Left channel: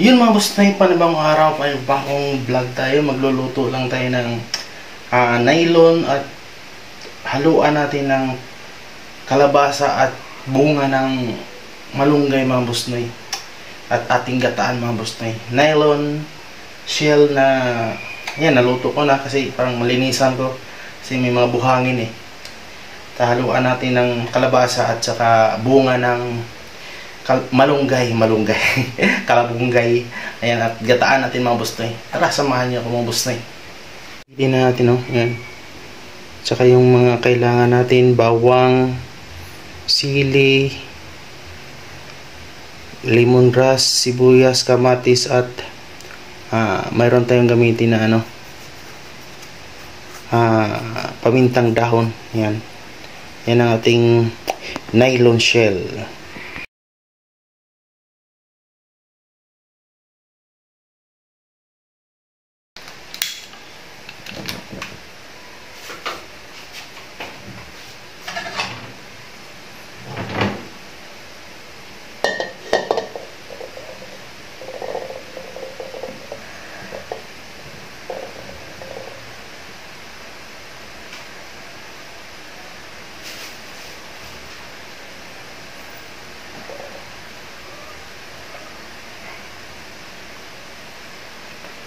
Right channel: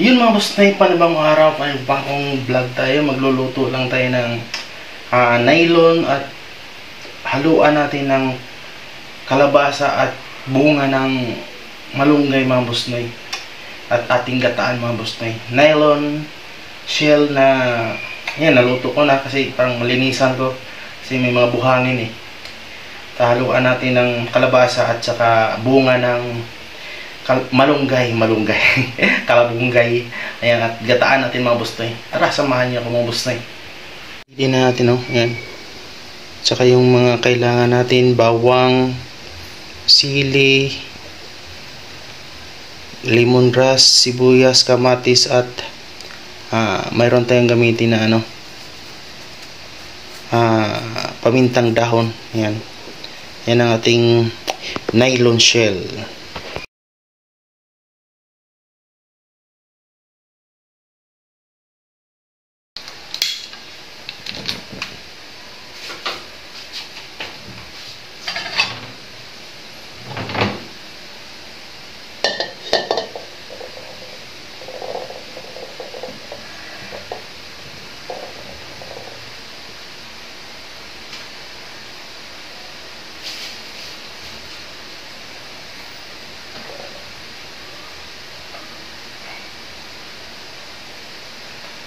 Yun mga boss na panibang araw, panibang vlog tayo. Magluluto lang tayo ng nylon at haluan natin ng kalabasa at bunga ng malunggay mga boss na at ating gataan mga boss na nylon shell na yan, naluto ko na kasi parang malinisan ko kasi may mga buhangin Haluan natin ng kalabasa at saka bunga ng malunggay kalabunggay, ayan, at gataan natin mga boss noy. Tara, samahan niyo ako mga boss noy. Hindi na natin ayan, tsaka yung mga kailangan natin: bawang, sili, lemongrass, sibuyas, kamatis, at mayroon tayong gamitin na pamintang dahon. Yan ang ating nylon shell.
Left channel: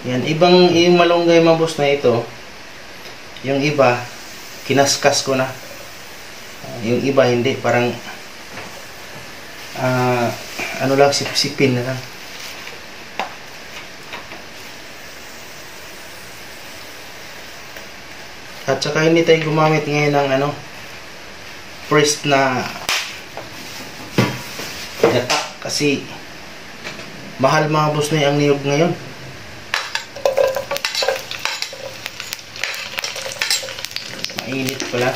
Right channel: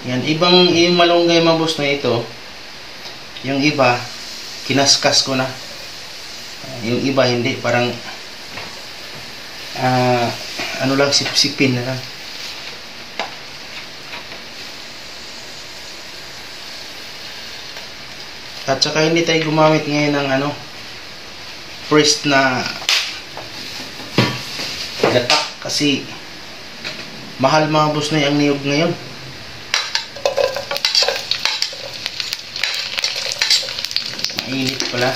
Yan, yung malunggay mga boss na ito, yung iba kinaskas ko na, yung iba hindi, parang ano lang, sipsipin na lang. At saka hindi tayo gumamit ngayon ng pressed na gata kasi mahal mga boss na ang niyog ngayon. Mainit pala.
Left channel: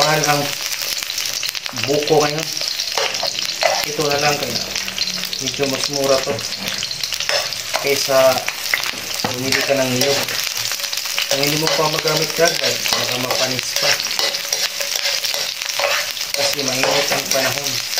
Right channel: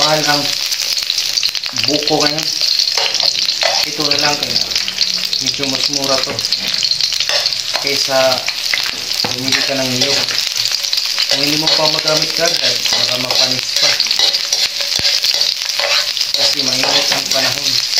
Mahal ang buko ngayon. Ito na lang, kaya medyo mas mura to kaysa bumili ka ng niyog. Kung hindi mo pa magamit kagad, baka mapanis pa kasi mainit ang panahon.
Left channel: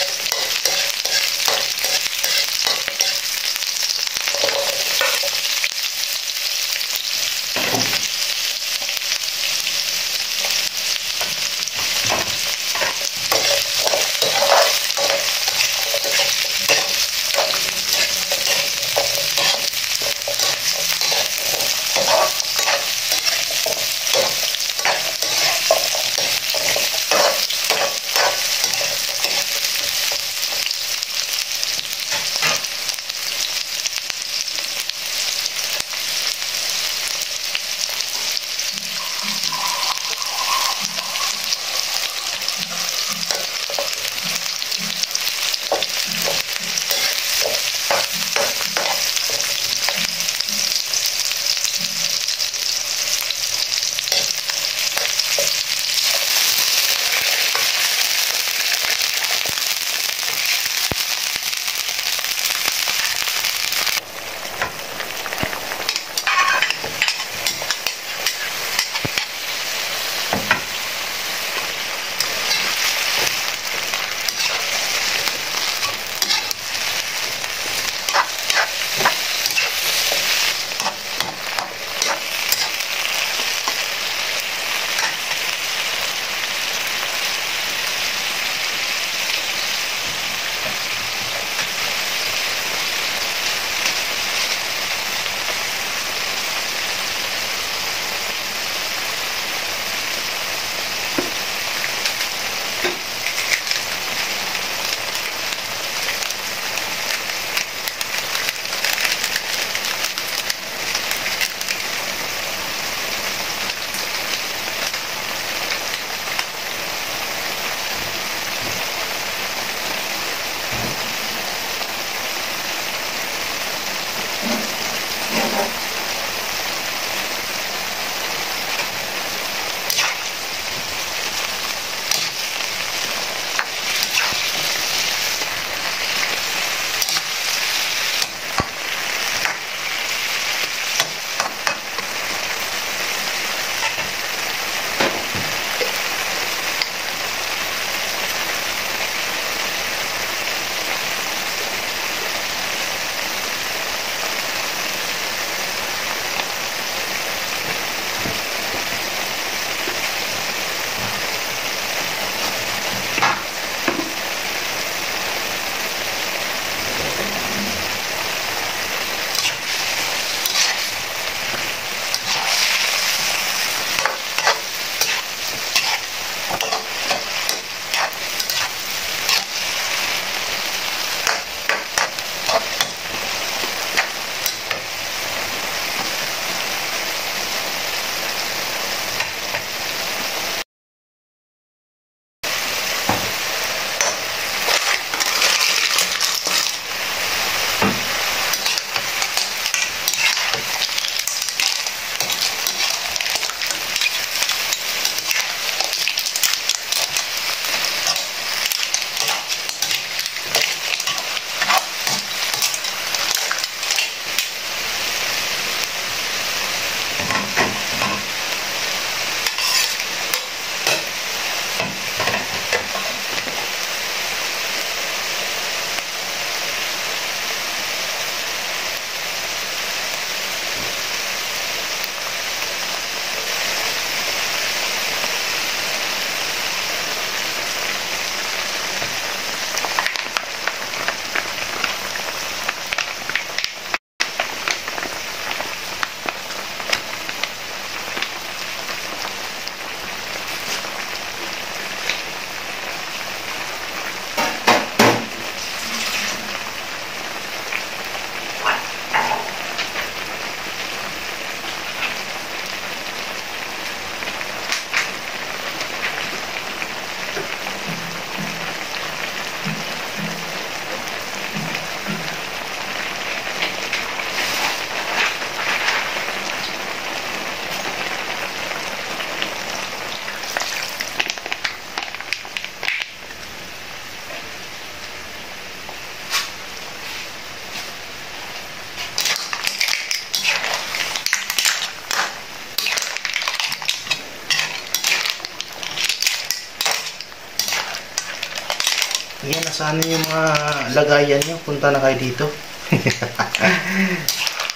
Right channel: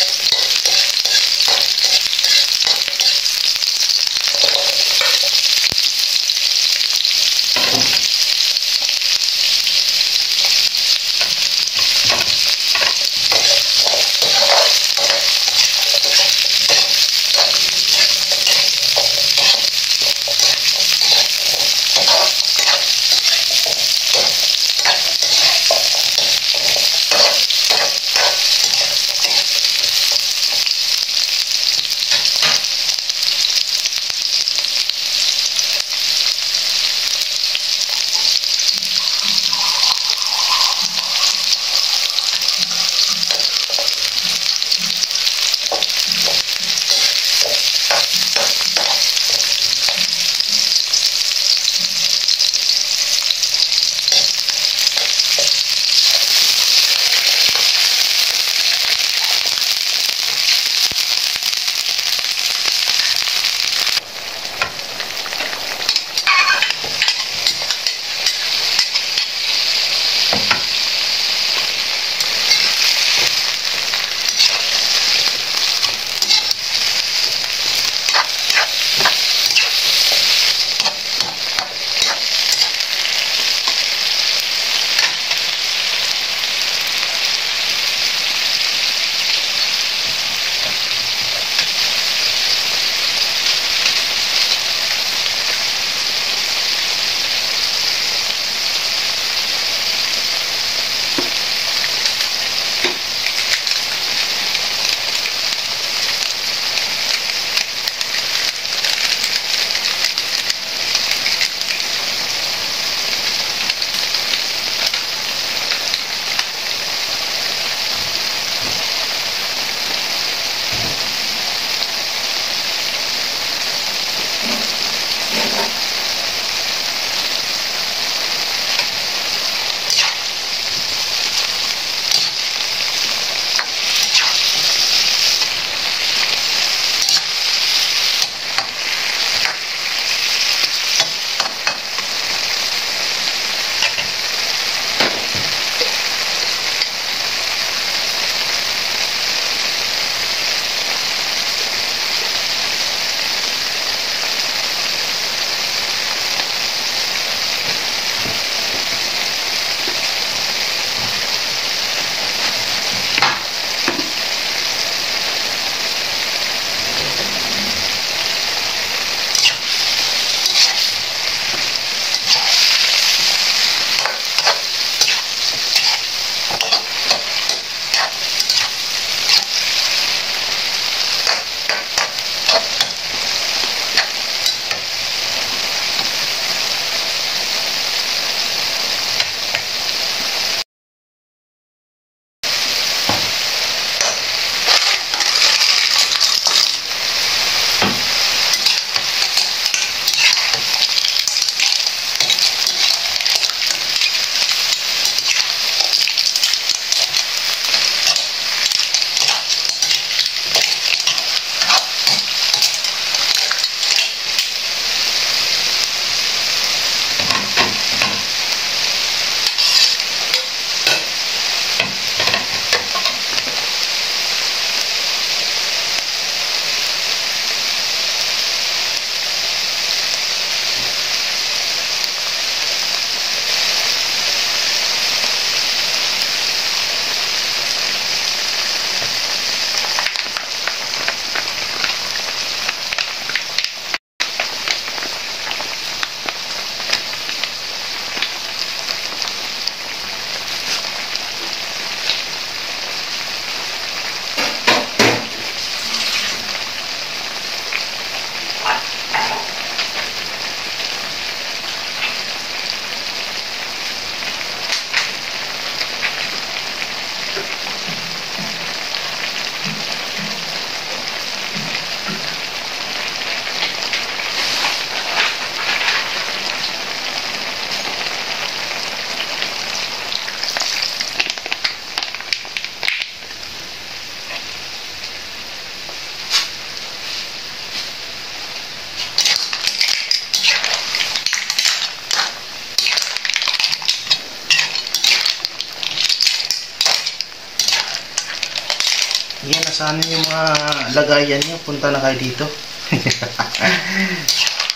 saan yung mga lagayan niyo, punta na kayo dito.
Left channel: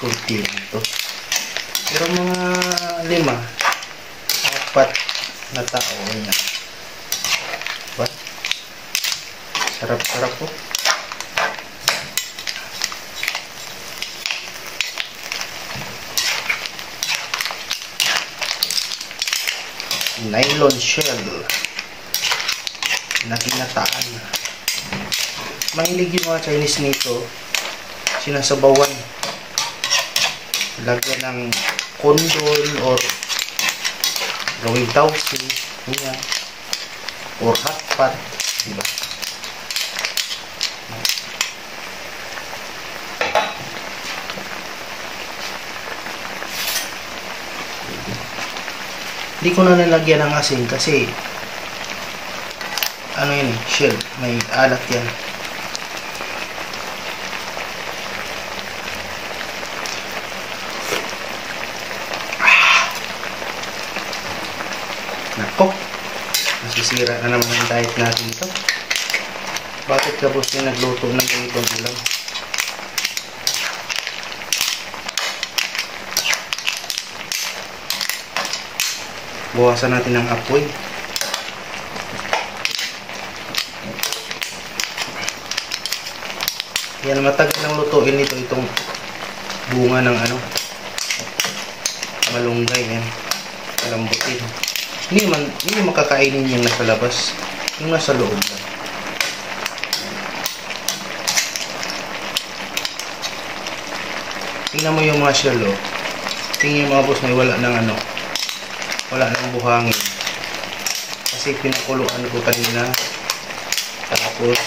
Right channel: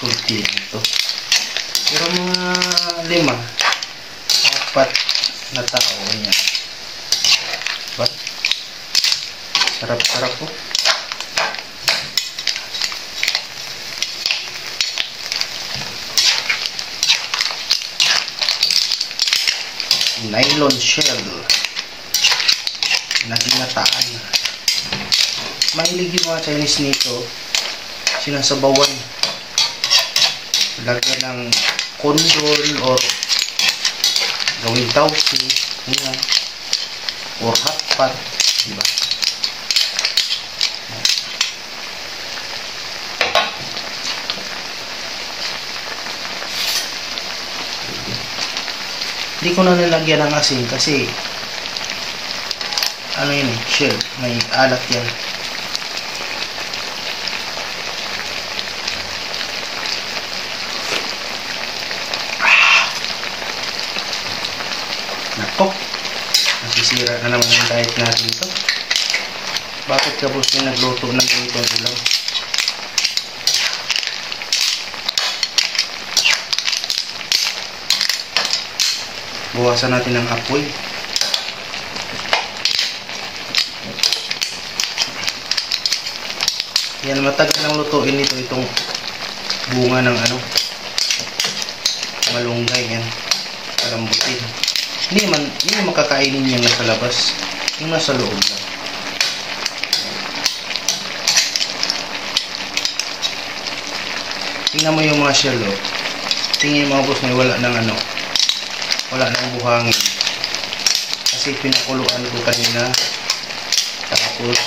Kunti lang ito. Pero mga 5, 4 na tao niya. Diba? Sarap-sarap po. Nylon shell na ginataan. Mahilig yung mga Chinese nito, sinasabawan, lagyan ng kondol or gawing tausi, ganyan, or hot pot, diba? Hindi ko na nilagyan ng asin kasi ano yun eh, shell, may alat yan. Nako, nasisira na naman ang diet natin ito. Bakit ka boss yung nagluto ng ganitong ulam? Buwasan natin ang apoy. Yan, matagal nang lutuin nito itong bunga ng ano, malunggay yan, palambutin. Hindi makakainin yung nasa labas, yung nasa loob lang. Tingnan mo yung mga shell, oh. Tingnan yung mga boss na wala ng ano, wala nang buhangin kasi pinakuluan ko kanina. Tapos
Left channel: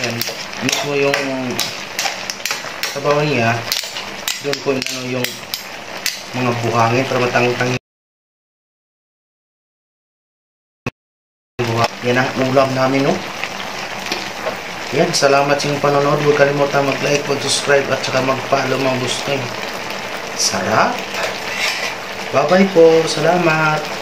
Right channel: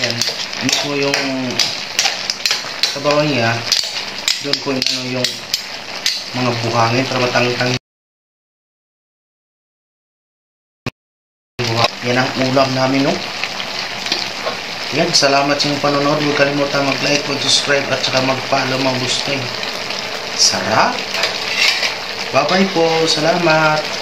yan, mismo yung sabaw niya, doon ko yung mga buhangin para matangtang. Yan ang ulam namin, no? Yan, salamat sa inyong panonood. Huwag kalimutan mag-like, mag-subscribe at saka mag-follow mga boss. Sarap! Bye-bye po. Salamat.